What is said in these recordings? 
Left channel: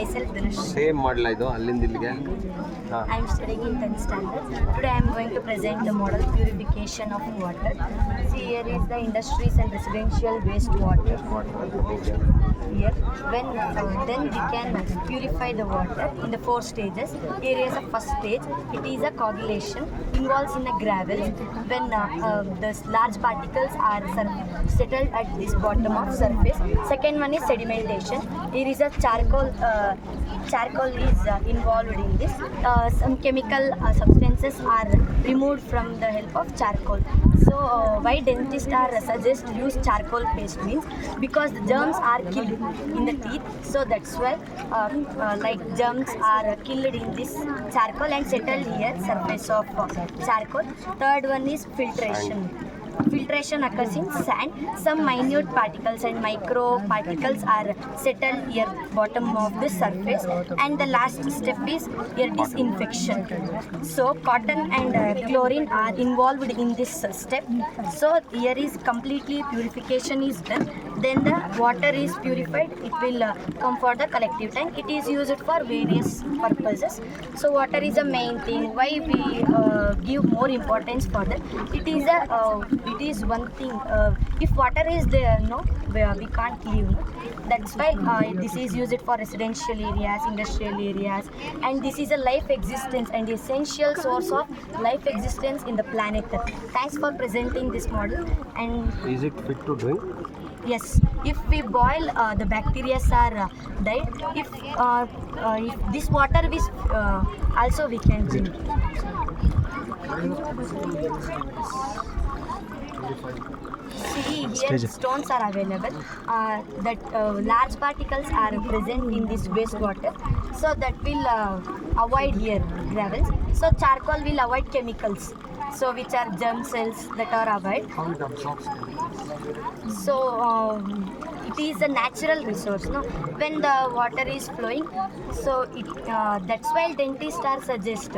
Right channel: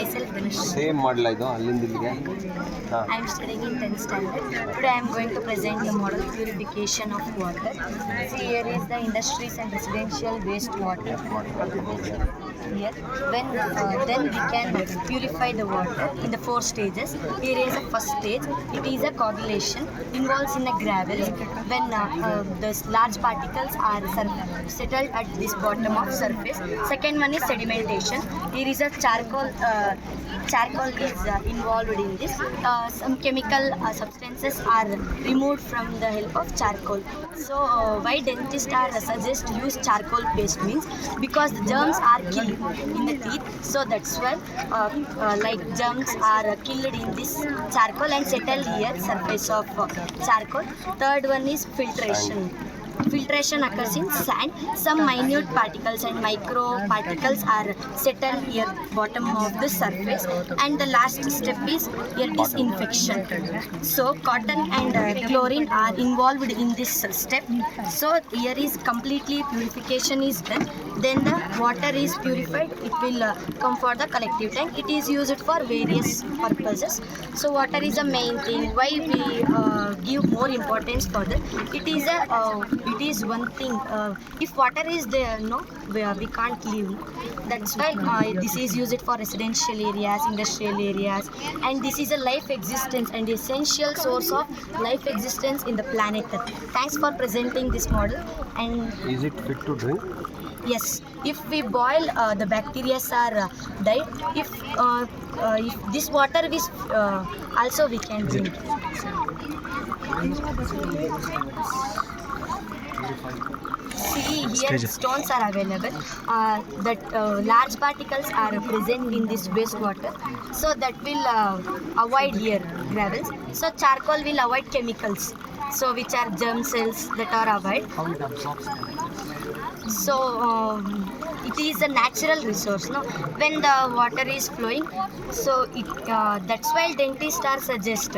myself Dhanush. Same ಮಾಡಲ ಇದು ಅಲ್ಲಿಂದ ಇಲ್ಲಿಗೆ I am studying in 10th standard. Today I am going to present the model purification of water. See, here is the industries and residential wastewater. Here, then we can purify the water in the 4 stages. Here is the first stage. It is a coagulation, involves in the gravels when the large particles are settled at this bottom of surface. Second one is sedimentation. Here is a charcoal is involved in this. Some chemical substances are removed from the help of charcoal. So why dentists are suggest use charcoal paste means because the germs are killed in the teeth, so that's why like germs are killed in this charcoal and settle here surface of charcoal. Third one is filtration. Filtration occurs in sand. Some minute particles and micro particles are settled here bottom of the surface, and the last step is here disinfection. So cotton and chlorine are involved in this step. So here is completely purification is done. Then the water is purified. It will come for the collective tank. It is used for various purposes. So water is the main thing. Why we give more importance for that? It is one thing. If water is there, no, we can't live. No? That's why this is used for residential areas, industrial areas, and this is a life existence and essential source of life existence in the planet Earth. Thanks for presenting this model. And is it fit to drink? yes, if we boil, the bacteria are died. If this water is also we can drink. See, here stones are available. That large particles are present in this wastewater, so that will avoid here gravels. So charcoal will avoid chemicals, so which are germ cells that are avoid. How it absorbs? So it is a natural resource, no? When the water is flowing, so it that's why dentists are suggest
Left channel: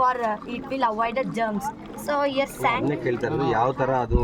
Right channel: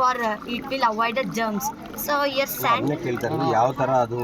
for it will avoid the germs. So here sand. ಅದನ್ನೇ ಕೇಳ್ತಾ ಇರೋದು ಯಾವ ಥರ ಅದು